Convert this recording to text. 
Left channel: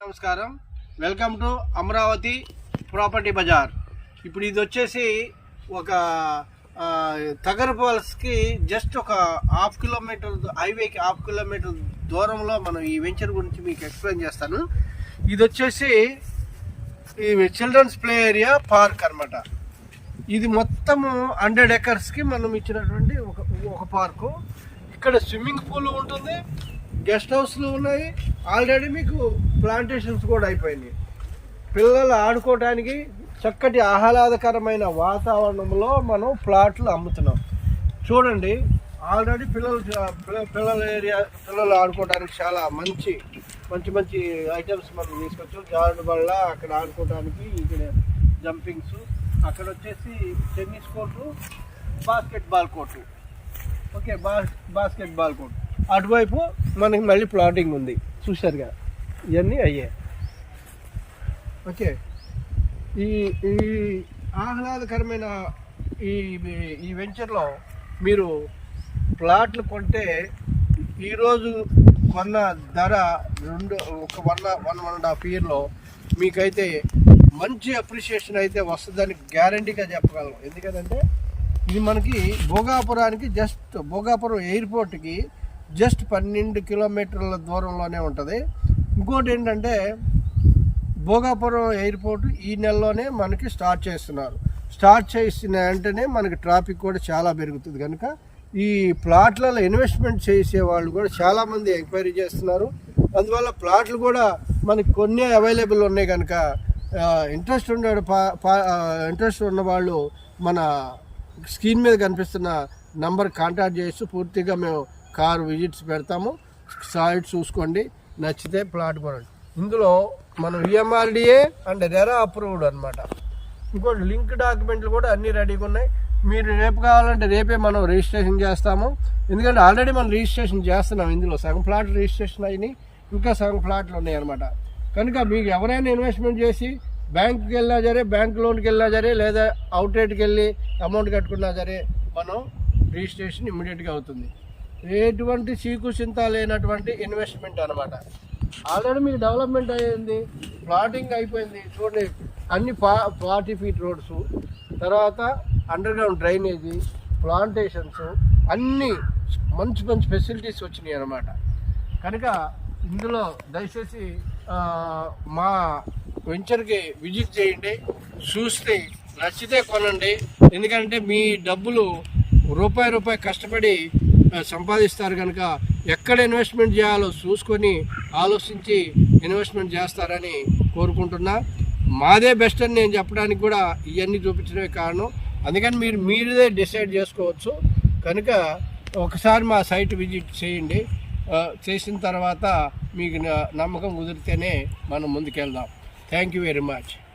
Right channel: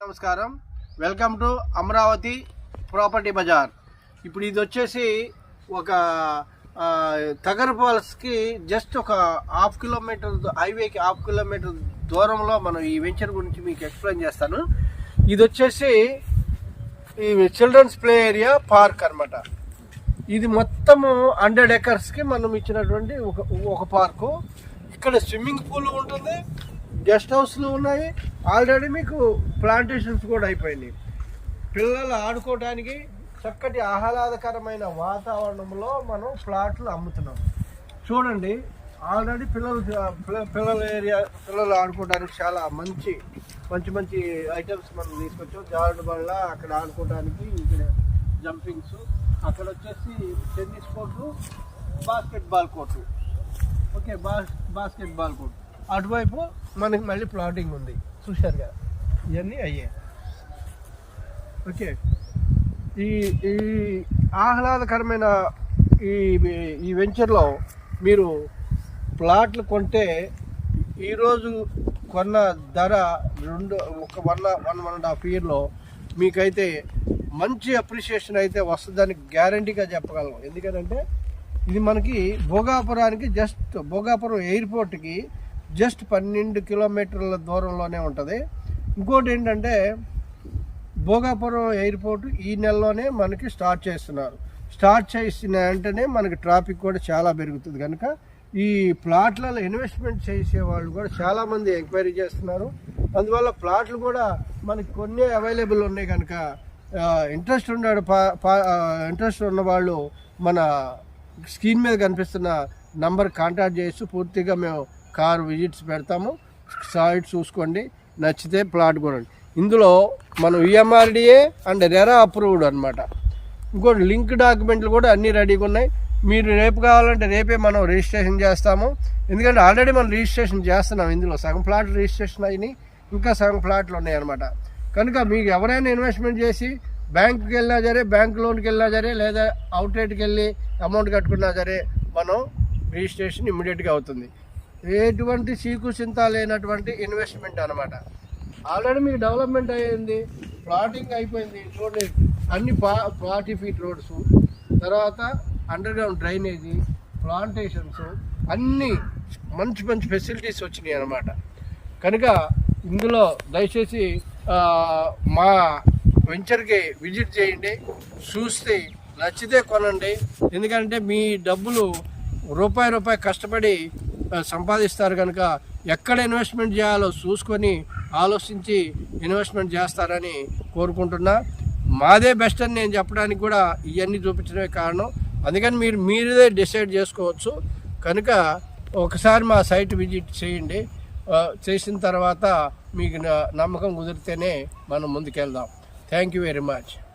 నమస్కారం. Welcome to Amaravati property bazaar. ఇప్పుడు ఇది వచ్చేసి ఒక ఆ, తగరపాల్స్కి జస్ట్ ఒక హాఫ్ కిలోమీటర్ హైవేకి హాఫ్ కిలోమీటర్ దూరంలో మనం ఈ వెంచర్ గురించి మీకు ఎక్స్ప్లెయిన్ చేస్తాను. ఇది వచ్చేసి ఈ చిల్డ్రన్స్ ప్లే ఏరియా పార్క్ అన్నమాట. ఇది మొత్తము హండ్రెడ్ ఎకర్స్కి మనం ఇచ్చినటువంటి ఒక ఒక పార్కు. ఇక్కడ స్విమ్మింగ్ పూల్ ఉంటుంది. గెస్ట్ హౌస్లు ఉన్నాయి. ఆల్రెడీ మీకు ప్లాంటేషన్స్ కూడా అయిపోయినాయి. పిల్లలు ఆడుకోవడానికి చక్కటి ఆహ్లాదకరమైన వాతావరణంలో మనం ప్లాట్లు అమ్ముతున్నాం. చూడండి ఆల్రెడీ పిల్లలు పిల్లల ఏరియా పిల్లలు ఆడుకోవడానికి చాలా మంచి మంచి మంచి ఐటమ్స్ మనం తీసుకొచ్చాం. జారుడు వల్ల అక్కడ ఆడుకోవడానికి ఇక్కడ జంపింగ్స్ అక్కడ వచ్చేసి tennis court basketball court okay boss basketball court అటువైపు మనకి మళ్ళీ ప్లాటింగ్ ఉంది. చూశారుగా? ఇవన్నీ అయ్యాయి. ఓకే. ఈ ఈ ఆహ్లాదకరమైన ఈ ఈ వెంచర్లో మీరు ప్లాట్లు కొంటే ఈరోజు కొన్న ధర రెండు ఒక one one one and half ఇయర్లో మీకైతే మంచి అప్రిషియేషన్ అయితే వస్తుందని గ్యారంటీగా చెప్పగలం ఎందుకంటే ఇది మనకి భోగాపురానికి జస్ట్ భోగాపురం ఎయిర్పోర్ట్కి జస్ట్ పన్నెండు కిలోమీటర్ల దూరంలోనే ఉంటుంది. ఇంకోటి ఏంటంటే భోగాపురం ఎయిర్పోర్ట్ ఈ నెలలోనే మనకి స్టార్ట్ చేస్తున్నారు. స్టార్ట్ చేసిన వెంటనే మనకి ట్రాఫిక్ కూడా చాలా పెరుగుతుంది కనుక ఈ ప్లాట్లలో ఇన్వెస్ట్మెంట్ చేసే వాళ్ళు కూడా చాలామంది ఎంక్వైరీ చేస్తున్నారు. అందువల్ల ప్లాట్లు కూడా మనకి కొన్ని అవైలబుల్ ఉన్నాయి కనుక ఇంట్రెస్ట్ ఉన్నాడు ఇంట్రెస్ట్ ఉన్నవాళ్ళు మన స్క్రీన్ మీద కనిపిస్తున్న నంబర్ కాంటాక్ట్ చేసి పూర్తిగా మేము కార్ విజిట్స్ పెడతాము. సైట్ చూసుకోండి నచ్చితే ప్లాట్ కొనండి. ఇందులో మనం E EMRDA and RERA approved అనమాట ఇంకోటి లింక్ డాక్యుమెంట్లు కూడా అన్నీ రెడీగా ఉన్నాయి. మీరు రేపు కావాలంటే రేపే మనం రిజిస్ట్రేషన్ చేస్తాము. ఎందుకంటే ఆల్రెడీ మనం రిజిస్ట్రేషన్ చేస్తున్నాం ఇందులో. సగం ప్లాట్ రిజిస్ట్రేషన్ అయినాయి ఇంకా సగం ప్లాట్లు ఉన్నాయి అనమాట కనుక మీకు ఎవరైనా ఇన్వెస్ట్మెంట్ చేసి బ్యాంకుకి వెళ్ళినా సరే బ్యాంక్ లోన్కి వెళ్ళినా సరే లేదా అవుట్లెట్కి వెళ్ళి అమౌంట్ కట్టుకున్నా సరే మనం రిజిస్ట్రేషన్ ఇమ్మీడియట్గా అవుతుంది. ఎటువంటి చీకు చింత లేనటువంటి ఇన్వెస్ట్మెంట్ అనమాట ఆల్రెడీ మీకు డెవలప్మెంట్ అయ్యింది ప్లాటింగ్ అయిపోయింది చూడండి అన్ని పా ఫార్టీ ఫీట్ రోడ్స్ తర్వాత అండర్ గ్రౌండ్ డ్రైనేజీ ప్లాంటేషన్స్ అన్నీ మంచి మంచి ఫెసిలిటీస్ వచ్చినాయి అనమాట కనుక ఇందులో దయచేసి మా వెంచర్కి విజిట్ చేయండి చూస్తే నచ్చితే కొనండి. ఎందుకంటే మీ డబ్బులు రూపాయి రూపాయి కష్టపడి సంపాదిస్తారు కనుక ఎక్కడ ఇన్వెస్ట్మెంట్ చేయాలో చూసుకొని ఆలోచించి ఇన్వెస్ట్మెంట్ చేస్తారని కోరుకుంటున్నా. మాదే బెస్ట్ అని నేను చెప్పడానికి కూడా ఇవన్నీ చూపించడమే కారణం. అందుకని మీరు మీరే డిసైడ్ చేసుకోవచ్చు. కనుక ఒకసారి మా సైట్ విజిట్ చేయండి. చేసిన తర్వాత మీకు న- నమ్మకం కుదిరితేనే మనం ముందుకెళ్దాం. Thank you very much.